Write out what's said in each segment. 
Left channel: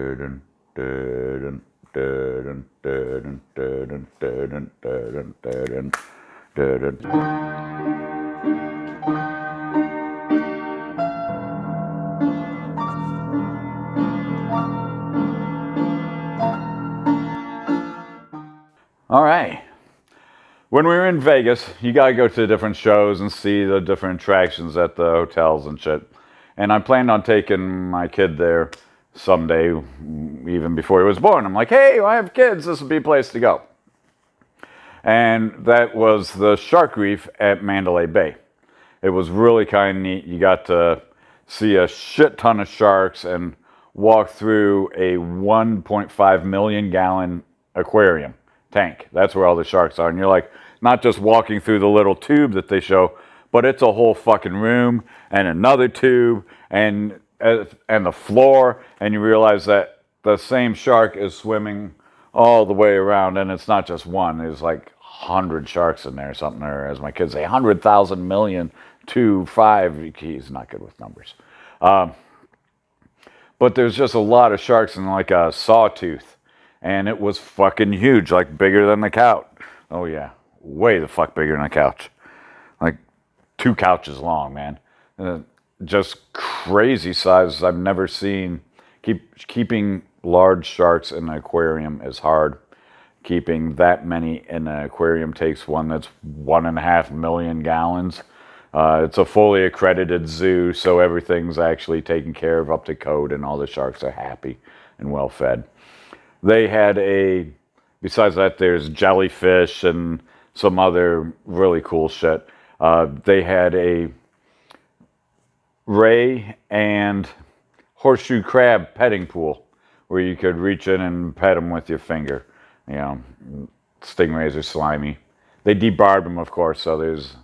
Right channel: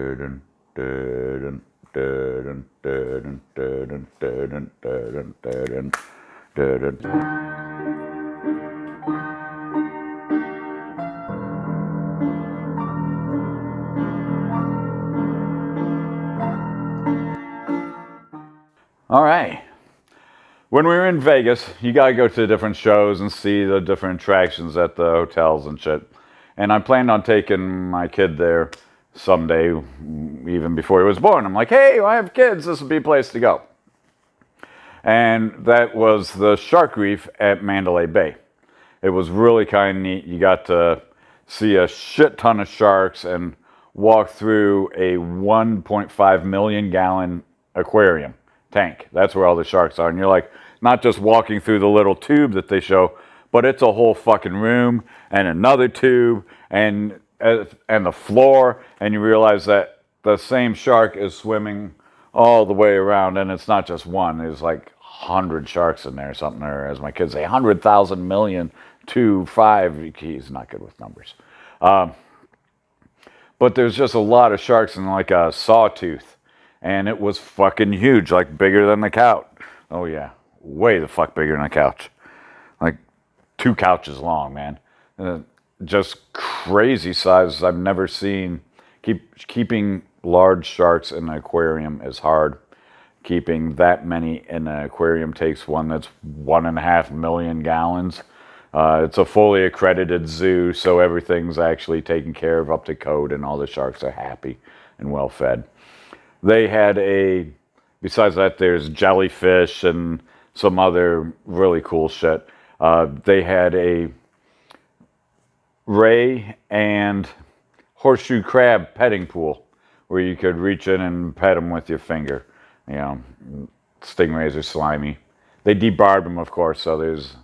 All right. When we were in Vegas, you gotta go to different shows and see the different attractions at the hotels and shit. And I planned on taking my kid there someday, even before he was born. I'm like, hey, I have kids. This would be a place to go. And that was the Shark Reef at Mandalay Bay. It was really kind of neat. You got to see a shit ton of sharks and walk through a 1.5 million gallon aquarium tank. That's where all the sharks are. And you're like, not just walking through the little tube that they show, but it's a whole fucking room and another tube and the floor. And you realize that the same shark is swimming all the way around, and it's not just one. There's like 100 sharks in there or something, or as my kids say, 100,000 million, 2, 5. He's not good with numbers. But there's just a lot of sharks in like a sawtooth. And it was fucking huge, like bigger than the couch. Oh yeah, way the fuck bigger than a couch. Like 2 couches long, man. Just crazy sizes I've never seen. Keeping large sharks in an aquarium is hard. Keeping that many in an aquarium takes one that's 1.5 million gallons. It's a fully accredited zoo, so everything's actually taken care of up to code, and all the sharks are happy and well fed. They had besides that, there's jellyfish and some other really cool shit. They had a ray and horseshoe crab petting pool where you could reach in and pet them with your finger. You know, stingrays are slimy. They debarred them, of course, so there's,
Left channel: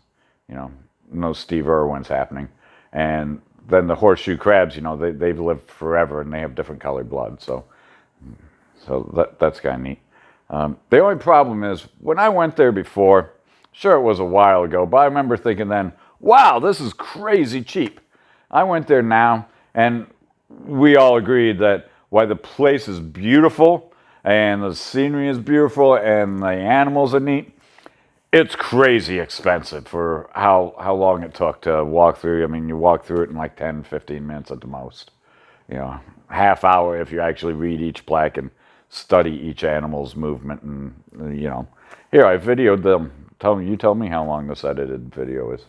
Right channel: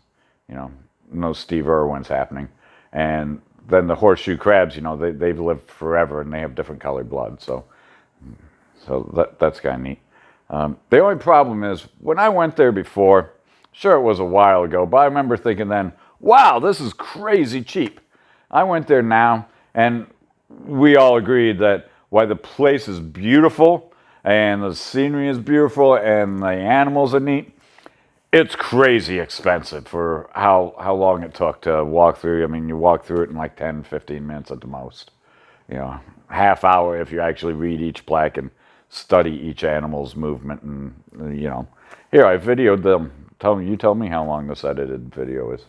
no Steve Irwin's happening. And then the horseshoe crabs, they've lived forever and they have different colored blood, so that's kind of neat. The only problem is, when I went there before, sure it was a while ago, but I remember thinking then, wow, this is crazy cheap. I went there now, and we all agreed that while the place is beautiful, and the scenery is beautiful, and the animals are neat, it's crazy expensive for how long it took to walk through. I mean, you walk through it in like 10, 15 minutes at the most. Half hour if you actually read each plaque and study each animal's movement. And, here, I videoed them. Tell me how long this edited video is.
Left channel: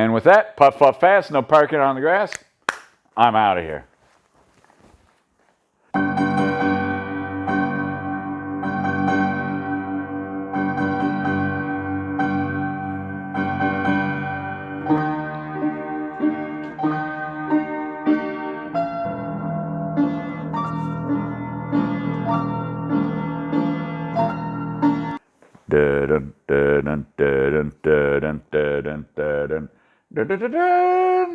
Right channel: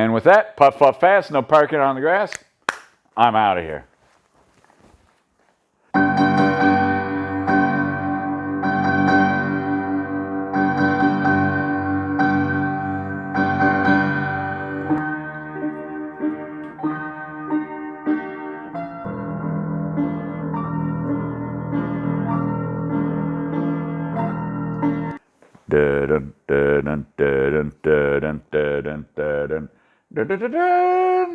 And with that, puff, puff, fast, no parking on the grass. I'm out of here. Dun, dun, dun, dun, dun, dun, dun, dun, dun, dun, dun, dun, dun.